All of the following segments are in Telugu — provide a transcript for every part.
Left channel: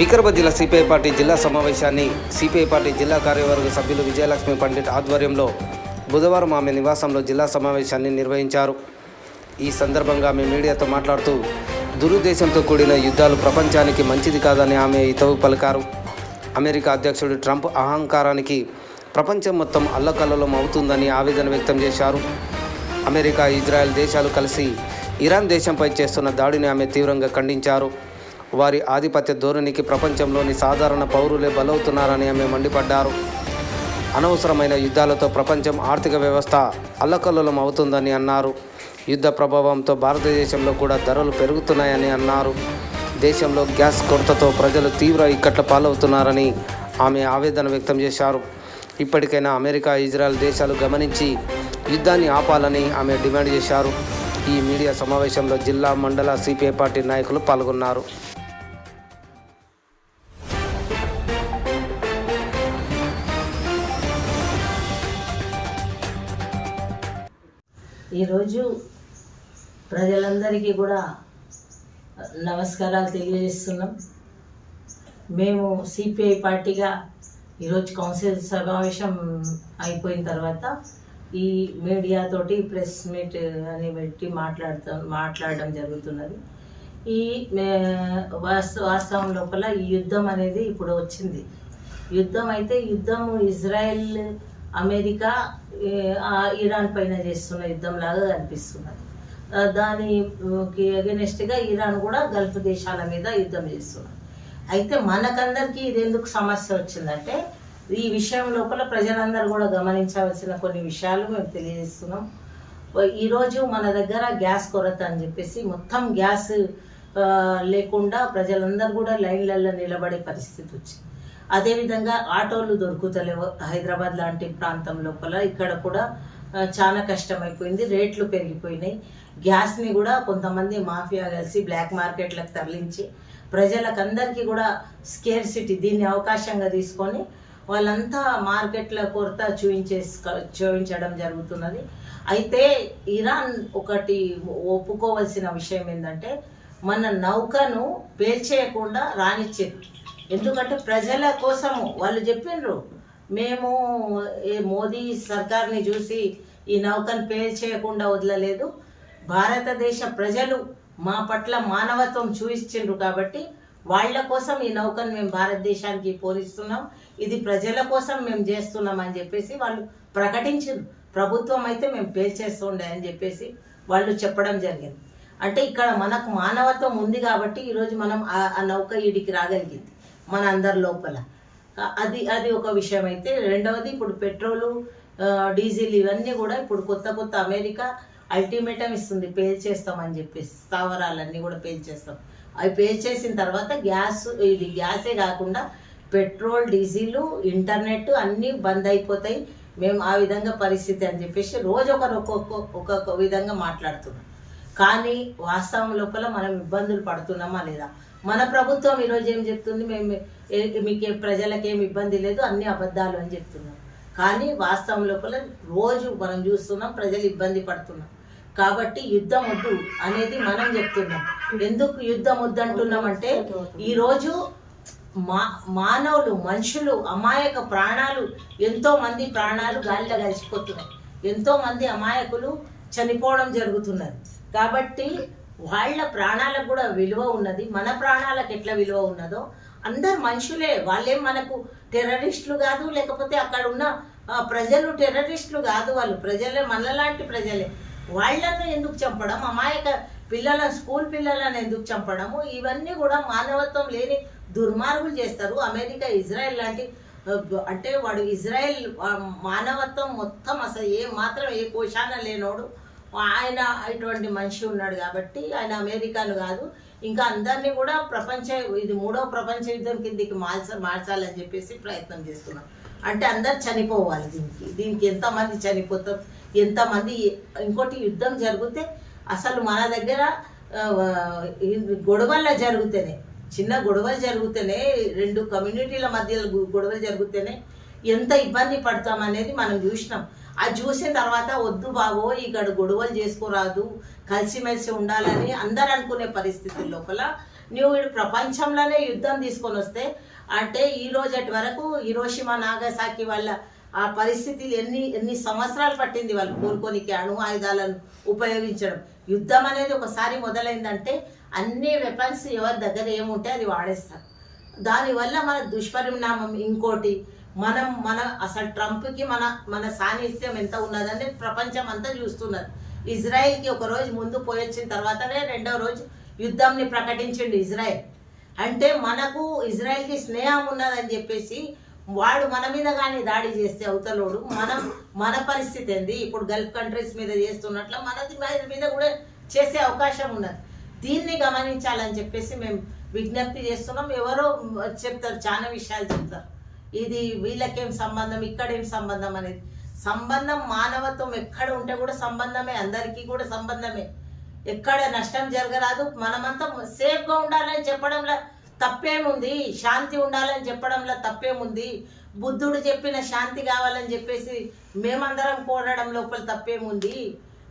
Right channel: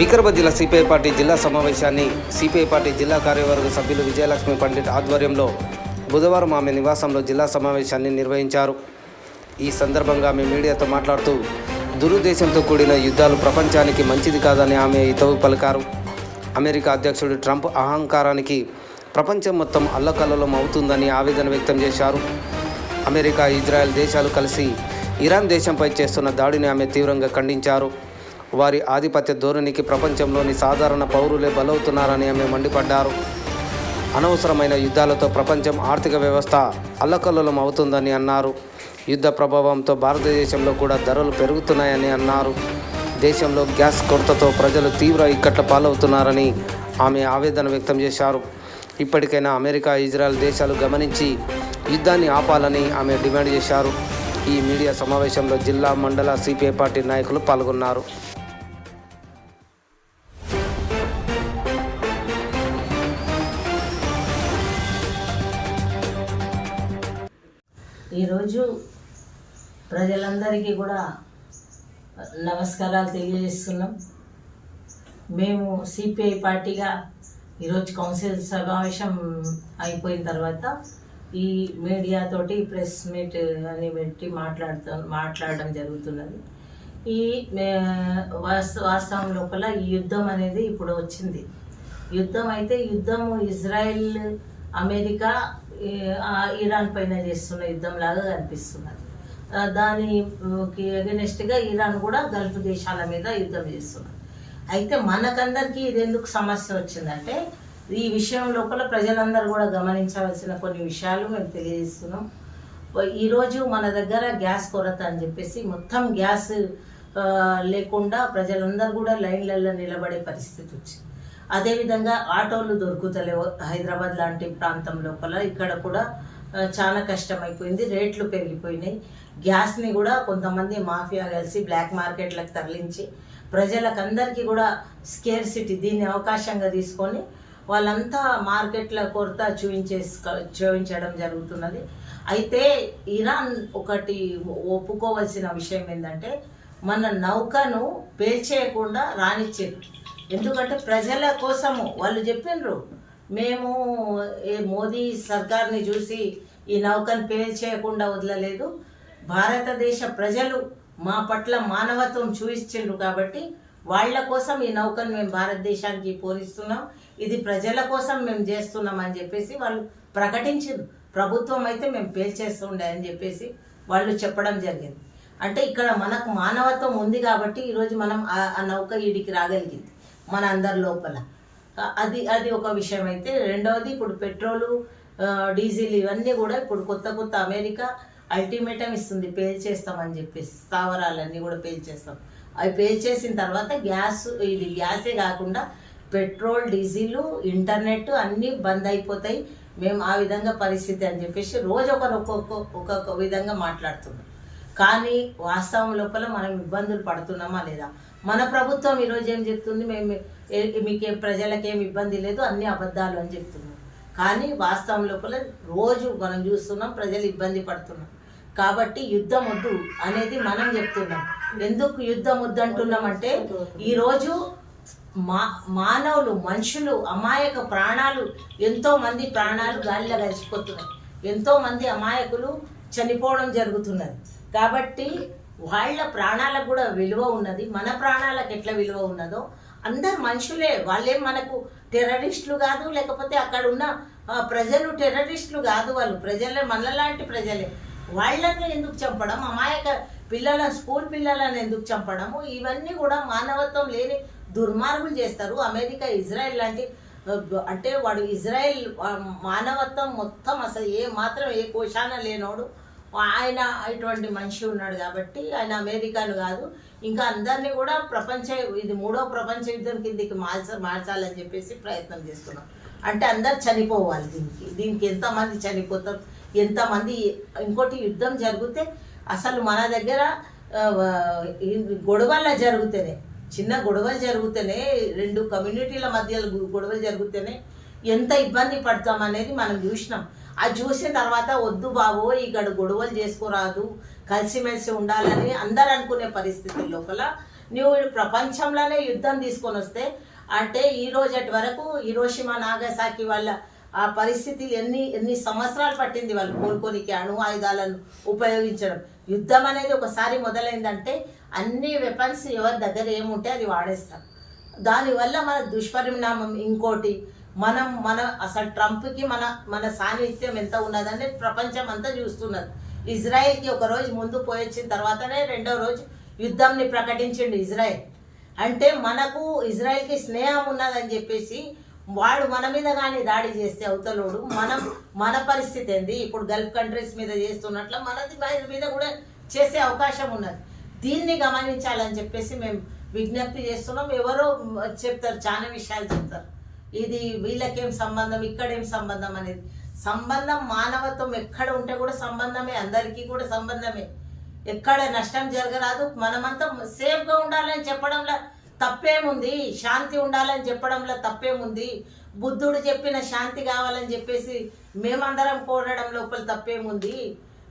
వికారాబాద్ జిల్లా సిపిఐ పార్టీ జిల్లా సమావేశాన్ని సిపిఐ పార్టీ జిల్లా కార్యవర్గ సభ్యులు విజయలక్ష్మి పండిట్ ఆధ్వర్యంలో బుధవారం ఆమె నివాసంలో జిల్లా సమావేశాన్ని నిర్వహించారు. ఈ సందర్భంగా ఆమె మీడియాతో మాట్లాడుతూ దురుద్దేశంతో కూడిన యుద్ధాలు ప్రపంచానికి మంచిది కాదని ఆమె హితవు పలికారు. అమెరికా అధ్యక్షుడు ట్రంప్ అహంకారానికి ప్రపంచం మొత్తం అల్లకల్లోలం అవుతుందని ఆవేదన వ్యక్తం చేశారు. అమెరికా, ఇజ్రాయెల్ దేశాలు కలిసి ఇరాన్ దేశంపై చేస్తున్న దాడిని ఆమె తీవ్రంగా ఖండించారు. వారి ఆధిపత్య ధోరణికి ప్రపంచంలోని సాధారణ పౌరులే బలవుతున్నారని ఆమె మండిపడ్డారు. అనవసరమైన యుద్ధాలతో ప్రపంచం ఆర్థిక వ్యవస్థ అల్లకల్లోలం అవుతుందని అన్నారు. యుద్ధ ప్రభావంతో భారతదేశంలో కూడా ధరలు పెరుగుతున్నాయని అన్నారు. దేశంలో గ్యాస్ కొరతతో ప్రజలు తీవ్ర ఇక్కట్ల పాలవుతున్నారని ఆమె ఆవేదన వ్యక్తం చేశారు. ఇప్పటికైనా అమెరికా, ఇజ్రాయెల్ దేశాలు గమనించి యుద్ధాన్ని ఆపాలని ఆమె డిమాండ్ చేశారు. ఈ మీడియా సమావేశంలో జిల్లా, మండల సిపిఐ పార్టీ నాయకులు పాల్గొన్నారు. ఈరోజు ప్రజలందరికీ కూడా నమస్కారాలు తెలియజేస్తున్నాం. మేము సిపిఐ పార్టీగా ఈరోజు కౌన్సిల్ సమావేశం అయిపోయిన తర్వాత ఈ మీడియాతోటి ప్రెస్ మీట్ అని పెట్టి మాట్లాడడం జరుగుతున్నది. ఈ వాస్తవం లోపల ఈ యుద్ధం అనేది ఇప్పుడు వచ్చింది. యుద్ధము ఇజ్రాయెల్, అమెరికా, ఇరాన్ పైన చేస్తున్న యుద్ధం లాగా కనిపిస్తున్నది. దానికి అగెనెస్ట్గా ఇరాన్ కూడా గల్ఫ్ దేశాల మీద యుద్ధం చేస్తున్నది. అయితే మనకందరికీ ఇది ఎందుకు సమస్య వచ్చిందంటే, ఈ విషయం లోపల ప్రజలందరూ కూడా గమనించవలసిన కొన్ని విషయాలు మేము తెలియజేస్తున్నాం. ఈరోజు మన దగ్గర గ్యాస్ కొరత అని చెప్పేసి మొత్తం గ్యాస్ లేకుండా ప్రజలందరూ కూడా లైన్లలో నిలబడే పరిస్థితి వచ్చింది. అదేవిధంగా ఆటోలు దొరుకుతలేవు. హైదరాబాద్ లాంటి ప్రాంతం లోపల ఇక్కడ కూడా చాలా కష్టమైపోయింది. రేట్లు పెరిగిపోయినాయి. గ్యాస్ని కూడా కొంతమంది మాఫియా కలిసి బ్లాక్ మార్కెట్లకు తరలించి ప్రజలకందరికీ కూడా స్కేర్సిటీ దీన్ని అవకాశంగా తీసుకొని వాళ్ళంతా మార్కెట్ల కొరత చూపించడం జరుగుతున్నది. అయితే ఇరాన్ ఒకటి ఒప్పుకోవాల్సిన విషయం ఏంటంటే, మన నౌకను పేల్చేయకుండా రానిచ్చారు. ఎందుకంటే ప్రజల కోసము వాళ్ళు చెప్పిండ్రు, మేము మోదీ సర్కార్ని చూసి ఈ నౌకను పేల్చేయకుండా వదలలేదు, భారతదేశ ప్రజలు మా పట్ల మానవత్వం చూపించిండ్రు కాబట్టి వాళ్ళ కోసం ఈ నౌకను మేము భారతదేశానికి పోనిస్తున్నాం, ఇది ప్రజల కోసం మేము చేస్తున్నాం అని చెప్పేసి వాళ్ళు ప్రకటించారు. ప్రభుత్వం అయితే మేము పేల్చేస్తుండే అని చెప్పేసి వాళ్ళు చెప్పడం జరిగింది. అంటే ఇక్కడ మనకు మానవత్వం ఉంది కాబట్టి ఈరోజు మనం ఆ నౌక ఈడికి రాగలిగింది మన అందరి లోపల. అది ఒక విషయం. అయితే రెండవది, ఇప్పుడు పెట్రోలు, డీజిల్ ఇవన్నీ కూడా ఇప్పుడు కొత్త అమెరికా అల్టిమేటం ఇస్తుంది, పేల్చేస్తామని చెప్పేసి స్థావరాలన్నీ కూడా పేల్చేస్తాం. అవి పేల్చేసిన తర్వాత గ్యాసే కాకుండా పెట్రోల్, డీజిల్, ఇంటర్నెట్ అన్నీ బంద్ అయిపోతాయి, మేము ఆ విధంగా పరిస్థితి అని చెప్పేసి రోజు ఒక్కొక్క విధంగా మాట్లాడుతున్నాం. కానీ వాస్తవం లోపల మనం ఇబ్బందులు పడుతున్నామా లేదా? మన ప్రభుత్వం ఈరోజు ఏం చెప్తుంది, మీకు ప్రజలకేం ఇబ్బంది లేదు, అన్ని అబద్ధాలు అని చెప్తున్నారు. కానీ వాస్తవం లోపల రోజు మనం చూస్తున్నాం ప్రజలు ఇబ్బంది పడుతున్నాం. కాబట్టి యుద్ధం వద్దు అనేది మనం చెప్తున్నాం. ఎందుకు యుద్ధం వద్దు అంటున్నామంటే, ఈరోజు మానవులు, మనుషులు, అమాయక ప్రాణాలు, ఎంతోమంది ప్రాణాలు గాలిలో కలిసిపోతున్నాయి, ఎంతోమంది అమాయకులు చనిపోవడం జరుగుతున్నది. కాబట్టి వాళ్ళ ప్రాణాలకు కూడా విలువ ఉన్నది, మన ప్రాణాలకు ఎట్లా విలువ ఉన్నదో అందరు మనుషులే. వాళ్ళేం మనకు టెర్రరిస్టులు కాదు, లేకపోతే అక్కడ ఉన్న ప్రజలు టెర్రరిస్టులు కాదు, వాళ్ళు ప్రజలే, మనలాంటి ప్రజలే. వాళ్ళను ఎందుకు చంపడం, అమాయక పిల్లలను, స్కూల్ పిల్లలను ఎందుకు చంపడము, ఇవన్నీ కూడా మానవత్వం లేని దుర్మార్గులు చేస్తారు. అమెరికా, ఇజ్రాయెల్ లాంటి, అంటే వాడు ఇజ్రాయెల్ మానవత్వం మొత్తం అసలు ఏ కోశాన లేనోడు ఆయన ఇటువంటి మనిషి ఉన్నాడు కాబట్టి ఆయన అమెరికాను కాదు, ఇంకా అందరినీ కూడా ఇది 3వ ప్రపంచ యుద్ధం కిందికి మార్చాలని చెప్పేసి ప్రయత్నం చేస్తున్నాం. అంటే అందరు చనిపోవాలి. దీనికి ఎంతమంది చనిపోతారు, ఎంతమంది. ఇంకోటి, యుద్ధం జరిగితే అసలు మన దగ్గర గొడవల్లో జరిగితేనే, చిన్న గొడవలు జరిగితేనే, 2 కమ్యూనిటీల మధ్య గొడవలు జరిగితేనే ఎంత ఇబ్బంది పడతామనేది మనం చూసినాం. అది చూసిన తర్వాత వద్దు బాబో ఇక్కడ గొడవలు చేసుకోరాదు, కలిసిమెలిసి ఉండాలని అందరు అనుకునే పరిస్థితుల లోపల నువ్వు ప్రపంచంలోనే యుద్ధం తీసుకొని వస్తే అంటే ఈ రోజటి వరకు హిరోషిమా నాగసాకి వాళ్ళ ఆ పరిస్థితులు ఎన్ని సంవత్సరాలు పట్టింది వాళ్ళు కోలుకోనికి అణు ఆయుధాలను ఉపయోగించడం. యుద్ధం అనేది ఒకసారి మొదలైందంటే అన్ని వెపన్స్ ఎవరి దగ్గర ఏముంటే అది వాడేస్తారు. దానివల్ల మన దుష్పరిణామం ఇంకోటి మన అసలు ట్రంప్కి మన సాన్నిధ్యం ఎంత ఉన్నదని ప్రపంచం అంతా చూస్తున్నది. ఇజ్రాయెల్కి ఒక రోజు ముందు పోయొచ్చిన తర్వాతనే రెండో రోజు యుద్ధంని ప్రకటించిండు ఇజ్రాయెల్. అంటే మనకు ఇజ్రాయెల్కి స్నేహం ఉన్నదని చెప్పేసి వాడు మన మీద కానీ దాడి చేస్తే అవతలోడు మన పరిస్థితి ఏంది? ఇప్పుడు గల్ఫ్ కంట్రీస్ మీద చేస్తున్నట్లు మనది మీద కూడా చేసే అవకాశం ఉన్నది. దీన్ని గమనించాలని చెప్పేసి మేము విజ్ఞప్తి చేస్తున్నాం. ఎవరో చెప్తారు, చాలా విషయాలు చెప్తారు, ఇది వీళ్ళకేం సంబంధం, ఇక్కడేం సంబంధం అనేది. సంబంధం మానవత్వం ఎక్కడ ఉంటే కూడా సంబంధమే, అందరికీ కూడా సంబంధమే. ఎక్కడ నష్టం జరగరాదు. మనమంతా సేఫ్గా ఉండాలని చెప్పడంలో తప్పేముంది? శాంతి ఉండాలని చెప్పడంలో తప్పేముంది? బుద్ధుడు చెప్పిన శాంతి కావాలని చెప్పేసి మేమందరం కోరడం లోపల తప్పేముంది?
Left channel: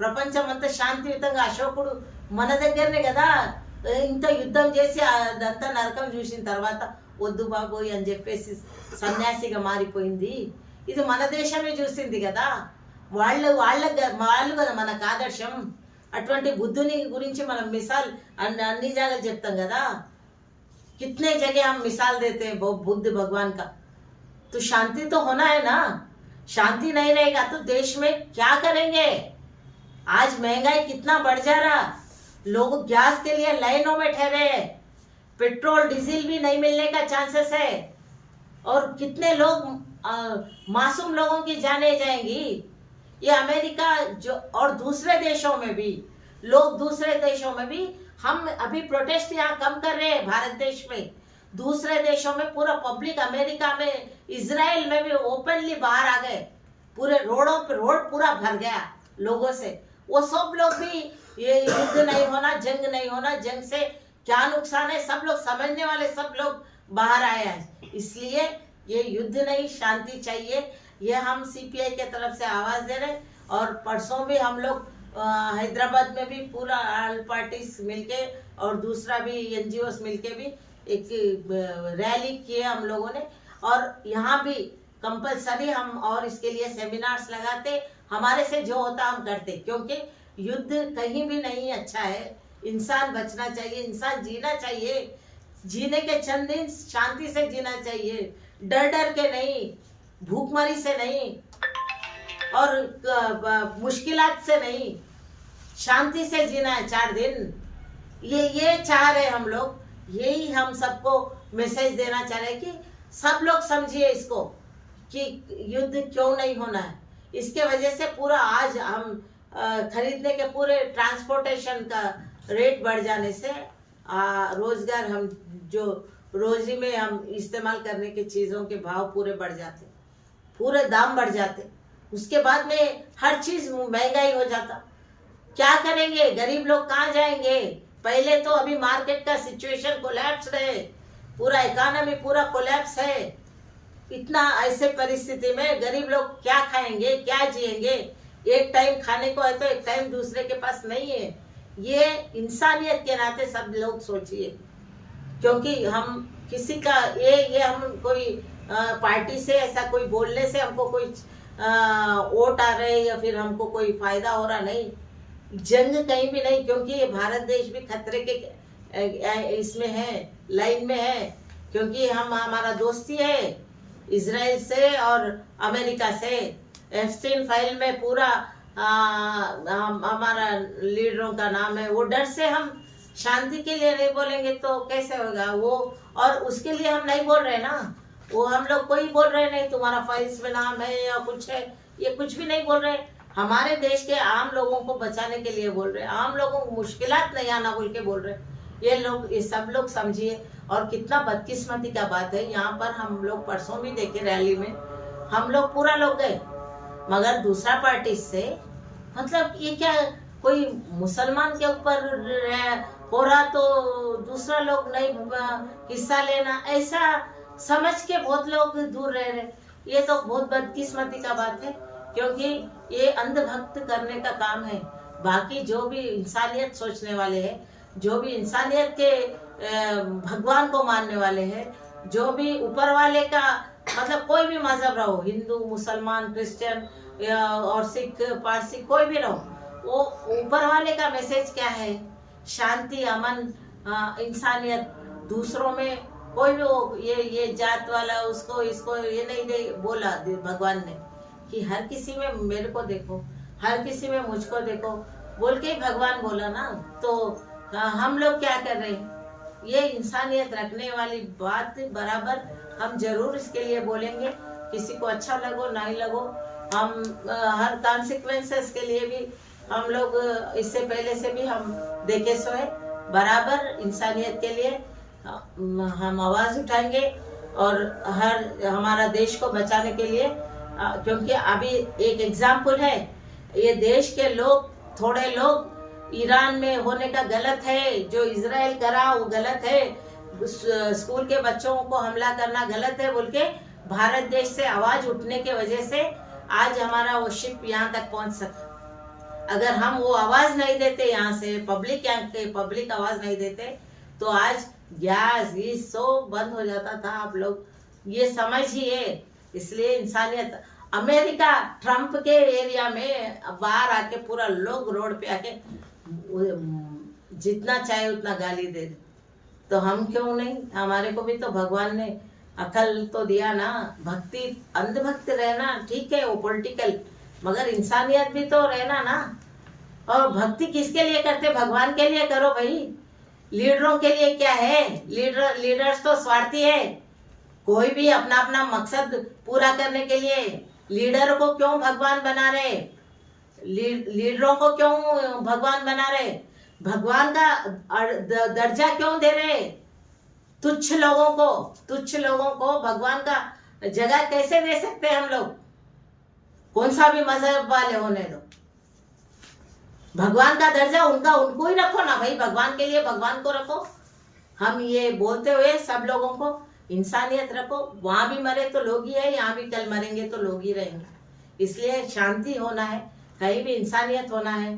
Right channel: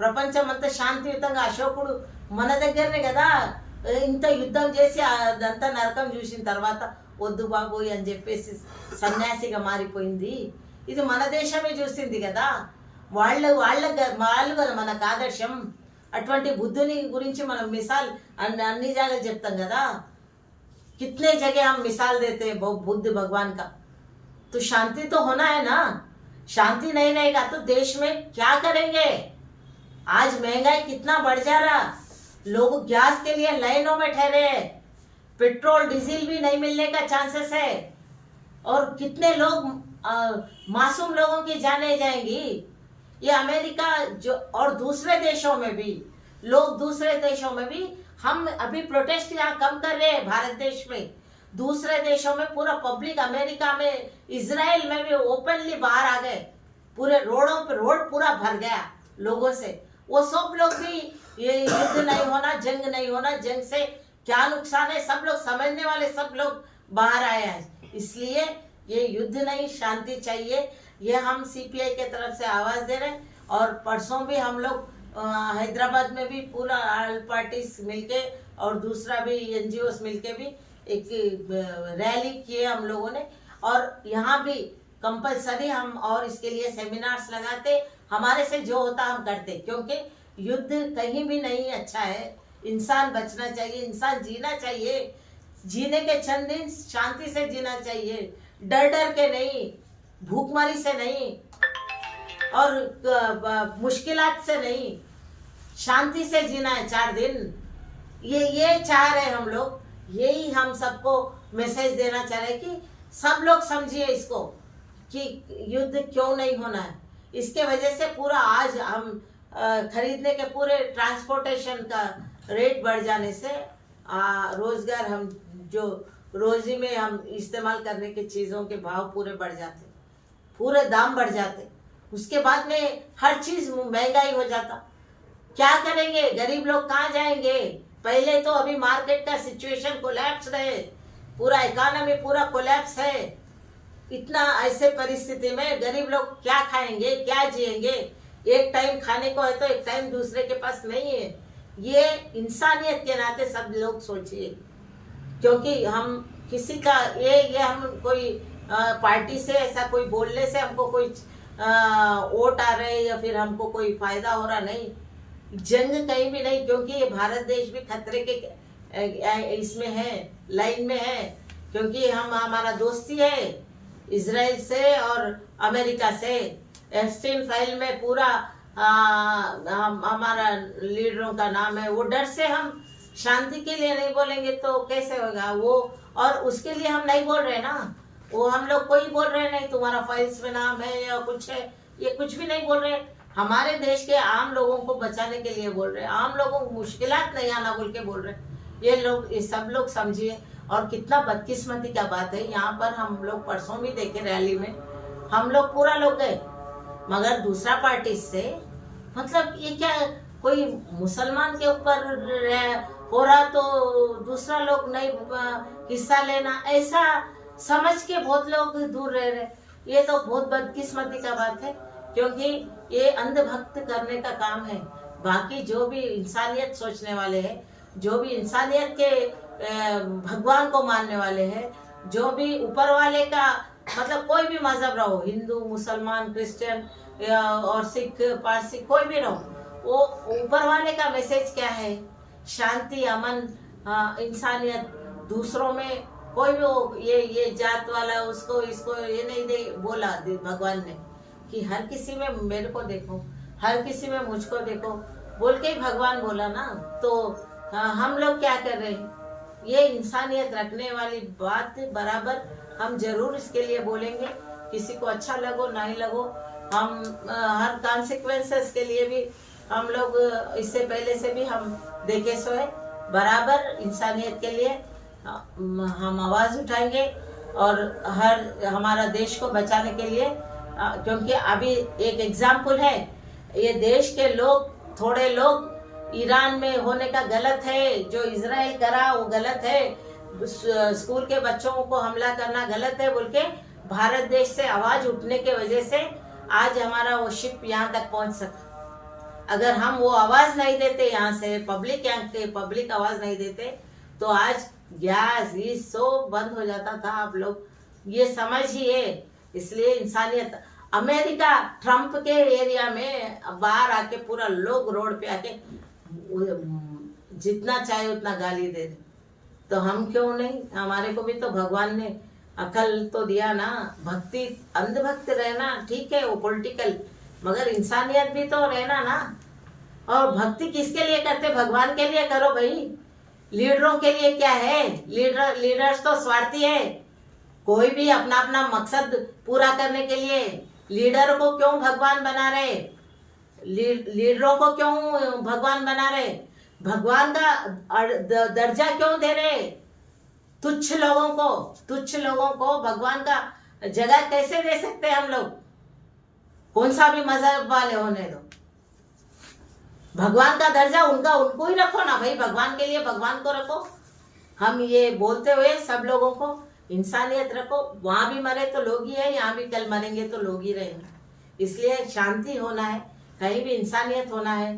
ప్రపంచం అంతా శాంతియుతంగా, అశోకుడు మన దగ్గరనే కదా ఇంత యుద్ధం చేసి అదంతా నరకం చూసిన తర్వాత వద్దు బాబోయ్ అని చెప్పేసి సన్యాసిగా మారిపోయింది. ఇది మన దేశమే చూసింది కదా. వాళ్ళు కదా మనకు ఆదర్శం. అటువంటి బుద్ధుని గురించి మనం మిసాల్ అన్ని జాగాలు చెప్తాం కదా. कितने जगह हम मिसाल देते हैं बुद्ध भगवान का. तो शांति तो होना है ना. शांति नहीं रहेगा तो देश में क्या करेंगे? आज महंगाई कितना बढ़ जा रहा, लोग गैस के लिए लाइनों में ठहरे, पेट्रोल डीजल भी नहीं मिलने का चांसेस है, और कितने लोग मासूम लोगों की जाने जाएंगी. ये अमेरिका जो और दूसरे देशों में भी लोग, दूसरे देशों में भी हम अभी प्रोटेस्ट यहाँ कम कर रहे हैं भारत देश में. दूसरे देशों में पूरा पब्लिक, अमेरिका में, इजराइल में भी ओपनली बाहर आ गए. पूरे रोडों पे रोड पूरा भर गया लोगों से. वो सब लोग भी ये युद्ध नहीं होना, जंग नहीं होना, जंग से क्या नुकसान है सब लोग समझने वाले सब लोग बाहर आए हैं. इसलिए ये युद्ध नहीं, शांति चाहिए. ये हम सीपीआई के तरफ से आवाज दे रहे हैं. और परसों भी हम लोग हैदराबाद में भी पूरा ऑल पार्टीज मिलके और दूसरा भी एनजीओस मिलके भी एक रैली किए हम लोगों ने. और यहाँ भी कंपलसरी हम और इसके लिए सेमिनार्स लगाते. हमारे से जो होता हम करते, क्योंकि युद्ध कहीं भी नहीं अच्छा है. इंसान बचना चाहिए, इंसान जीना चाहिए. जीने के चंद दिन शांति से जीना चाहिए, डर के नहीं, भूखमरी से नहीं और मुश्किलात से नहीं, शांति से जीना है 4 दिन. ये चाह रहे हम लोग. यही हम सबको मैसेज देना चाह रहे कि सब लोग समझिए इसको कि युद्ध क्यों नहीं होना है. इसके वजह से पूरा आज हम खरीदने के पूरे ट्रांसपोर्टेशन का रेट बढ़ जाने से रोजगार, हम जो रोजी में हम इस्तेमाल करने की चीज़ों के भाव पूरे बढ़ जाते, पूरे दाम बढ़ जाते. उसके बाद में हर चीज़ महंगाई हो जाता. क्या करेंगे? गरीब लोग कहाँ जाएंगे? पहले तो अभी मार्केट का सिचुएशन कोलैप्स है, पूरा इकोनॉमी पूरा कोलैप्स है. इतना ऐसे परिस्थिति में गरीब लोग क्या खाएंगे, क्या जिएंगे? एक टाइम खाने को है तो एक टाइम दूसरे के पास नहीं है. ये इंसानियत के नाते सब लोग सोचिए. क्योंकि हम किसी का ये हम कोई पार्टी से ऐसा कोई बोलने से हमको कोई वोट आ रहे या फिर हमको कोई फायदा हो रहा नहीं. जंग कहीं भी नहीं, क्योंकि ये भारत देश भी खतरे के इसमें है, लाइन में है. क्योंकि हमारा दोस्ती है इजराइल से और अमेरिका से. एप्स्टीन फाइल में पूरा हमारा लीडरों का नाम है. वो डर से हम शांति के लिए नहीं बोलेंगे तो कैसे होगा वो. और उसके लिए हम नहीं बोल रहे ना. वो हम लोग कोई बोल रहे नहीं तुम्हारा फाइल्स में नाम है या कुछ है, ये कुछ भी नहीं बोल रहे. हमारे देश के आम लोगों को बचाने के लिए बोल रहे. आम लोगों को मुश्किलात नहीं आना बोल के बोल रहे. ये सब लोग समझिए. और कितना बदकिस्मती का बात है, यहाँ पर हम लोग परसों भी देखे रैली में हम लोग पूरा लोग गए, मगर दूसरा पार्टी से मतलब ये क्या, कोई मुसलमान के ऊपर हो रहा तो दूसरा लोग नहीं हिस्सा लेना, ऐसा समझ के बहुत लोग दूर रह रहे. ये तो बहुत बदकिस्मती का बात है. क्योंकि ये अंधभक्त करने का काम है. बाकी जो भी इंसानियत सोचने वाले हैं, जो भी इंसानियत के भगवान को मानने वाले हैं, जो भी ऊपर वाले का मतलब कोई भी मजहब रहो, हिंदू मुसलमान क्रिश्चियन और सिख पारसी कोई भी रहो, वो ऊपर वाले का मैसेज क्या है? शांति, अमन, इंसानियत, दूसरों में कोई भी वो ये जात वाला उसको इसको ये नहीं दे बोला भगवान ने कि हर किसी में मेरे को देखो, हर किसी में मुझको देखो बोल के ही भगवान बोला ना। तो हम लोग क्या कर रहे हैं? ये इंसानियत रखने वाली बात बराबर हम जरूर इसके लिए बोलेंगे, किसी को अच्छा लगो नहीं लगो। हम हर कॉन्सिक्वेंसेस के लिए भी हम लोग इससे पहले से भी हम देखे सो है, बराबर इंसानियत के लिए हम आवाज उठाएंगे और हर हमारा देश को बचाने के लिए, क्योंकि अभी एक एग्जाम्पल है, ये देश के लोग थोड़े लोग ईरान में होने का गलत है, जो इजराइल करा वो गलत है, स्कूल के बच्चों को हमला करना गलत है बोल के भारत देश से आवाज उठने के वजह से आज हमारा वो शिप यहाँ तक पहुंच सका। अगर हम वो आवाज नहीं देते, यहाँ से पब्लिक आवाज नहीं देते, तो आज गैस ये सब बंद हो जाता था। आप लोग ये समझिए। इसलिए इंसानियत, अमेरिका ट्रम्प के एरिया में बाहर आके पूरा लोग रोड पे आके जितना चाहे उतना गाली दे दे, तो हम क्यों नहीं? हमारे को भी तो भगवान ने अकल तो दिया ना। भक्ति, अंधभक्त रहना ठीक है, वो पॉलिटिकल, मगर इंसानियत भी तो रहना ना। और भक्ति किसके लिए करते? भगवान के लिए करो भाई। लीडरों के लिए क्या है? लीडर्स तो स्वार्थी है, कोई भी अपना अपना मकसद पूरा करने के लिए। लीडर को क्यों भगवान बना रहे? लीडरों को क्यों भगवान बना रहे? भगवान का दर्जा क्यों दे रहे? तुच्छ लोगों को भगवान का जगह कैसे दे सकते हैं हम लोग? कौन सा भी मजहब वाले होने दो, भगवान का दर्जा उनको ही रखो ना भाई। भगवान के लिए भगवान को रखो। हम ये बोलते हुए सब लोगों को इंसानियत रखो। वहां भी मरे तो लोग ही है, यहाँ भी कल मरेंगे तो लोग ही रहेंगे। इसलिए शांति होना है, कहीं भी इंसानियत होना है।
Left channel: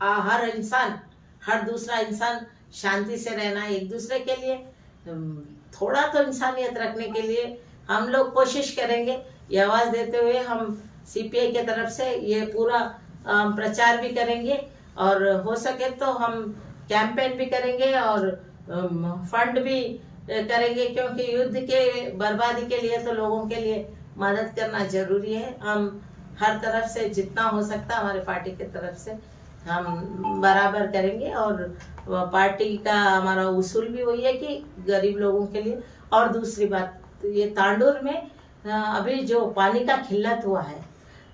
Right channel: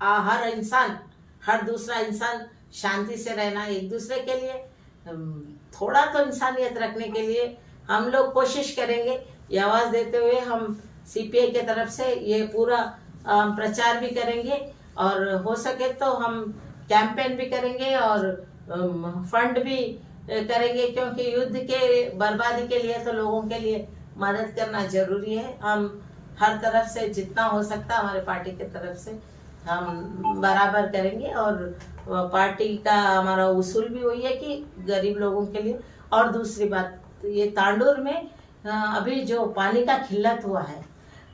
हर इंसान, हर दूसरा इंसान शांति से रहना है एक दूसरे के लिए। थोड़ा तो इंसानियत रखने के लिए हम लोग कोशिश करेंगे। ये आवाज देते हुए हम सीपीआई के तरफ से ये पूरा प्रचार भी करेंगे, और हो सके तो हम कैंपेन भी करेंगे और फंड भी करेंगे, क्योंकि युद्ध के बर्बादी के लिए तो लोगों के लिए मदद करना जरूरी है। हम हर तरफ से जितना हो सकता हमारे पार्टी के तरफ से हम बराबर करेंगे। और पार्टी का हमारा उसूल भी वही है कि गरीब लोगों के लिए। और दूसरी बात, ये तांडूर में अभी जो पानी का किल्लत हुआ है,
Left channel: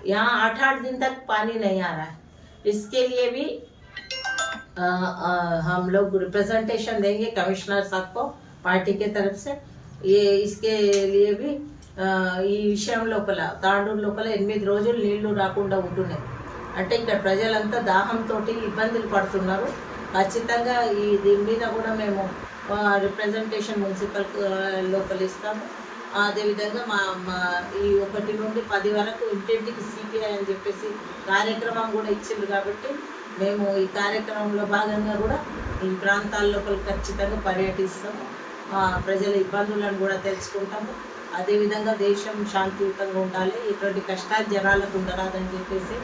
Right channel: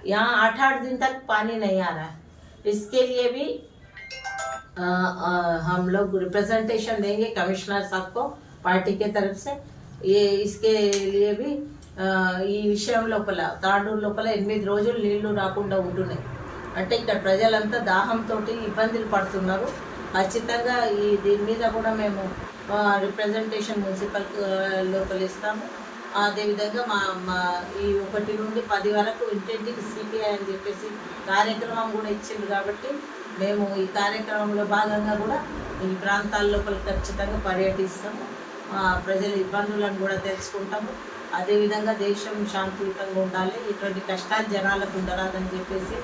यहाँ 8-8 दिन तक पानी नहीं आ रहा है, इसके लिए भी हम लोग रिप्रेजेंटेशन देंगे कमिश्नर साहब को पार्टी के तरफ से। ये इसके लिए भी ఈ విషయం లోపల తాండూరు లోపల 8 రోజులు నీళ్లు రాకుండా ఉంటున్నాయి. అంటే ఇక్కడ ప్రజలంతా దాహంతో ఇబ్బందులు పడుతున్నారు. ఖచ్చితంగా దీని మీద కూడా మేము రిప్రజెంటేషన్ మున్సిపల్ లోపల ఇస్తాము. అదేవిధంగా మా ఈ 1 నుండి 10 వరకు ఇంటింటికి సిపిఐ అని చెప్పేసి కార్యక్రమం కూడా ఇచ్చిండ్రు. కాబట్టి మేము ఈ కార్యక్రమంలో భాగంగా కూడా ఈ ప్రాంతాల లోపల ఖచ్చితంగా పర్యటిస్తాము. ప్రజల ఇబ్బందులను కూడా తెలుసుకుంటాము. అదేవిధంగా దేశం శాంతియుతంగా ఉండాలి, ఇటువంటి కష్టాలు జనాలకు ఉండరాదని చెప్పేసి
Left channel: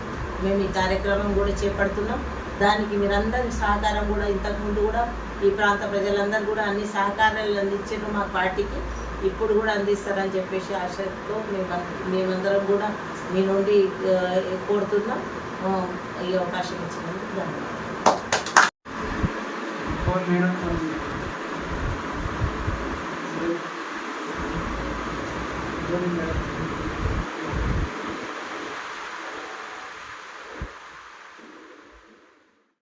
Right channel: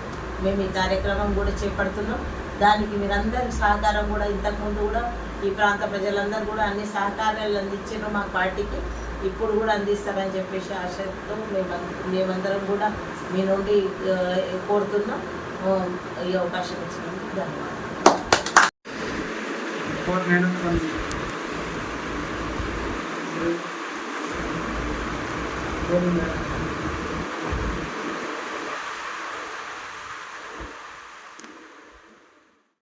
మేము ఈ కార్యక్రమం కూడా చేపడుతున్నాం. దానికి మీరందరి సహకారం కూడా ఇంతకుముందు కూడా ఈ ప్రాంత ప్రజలందరూ కూడా అన్ని సహకారాలు అందించారు మా పార్టీకి, ఇప్పుడు కూడా అందిస్తారని చెప్పేసి ఆశతో మేమందరం కూడా మీ నుండి కోరుతున్నాం. ఈ అవకాశం ఇచ్చినందుకు ధన్యవాదాలు.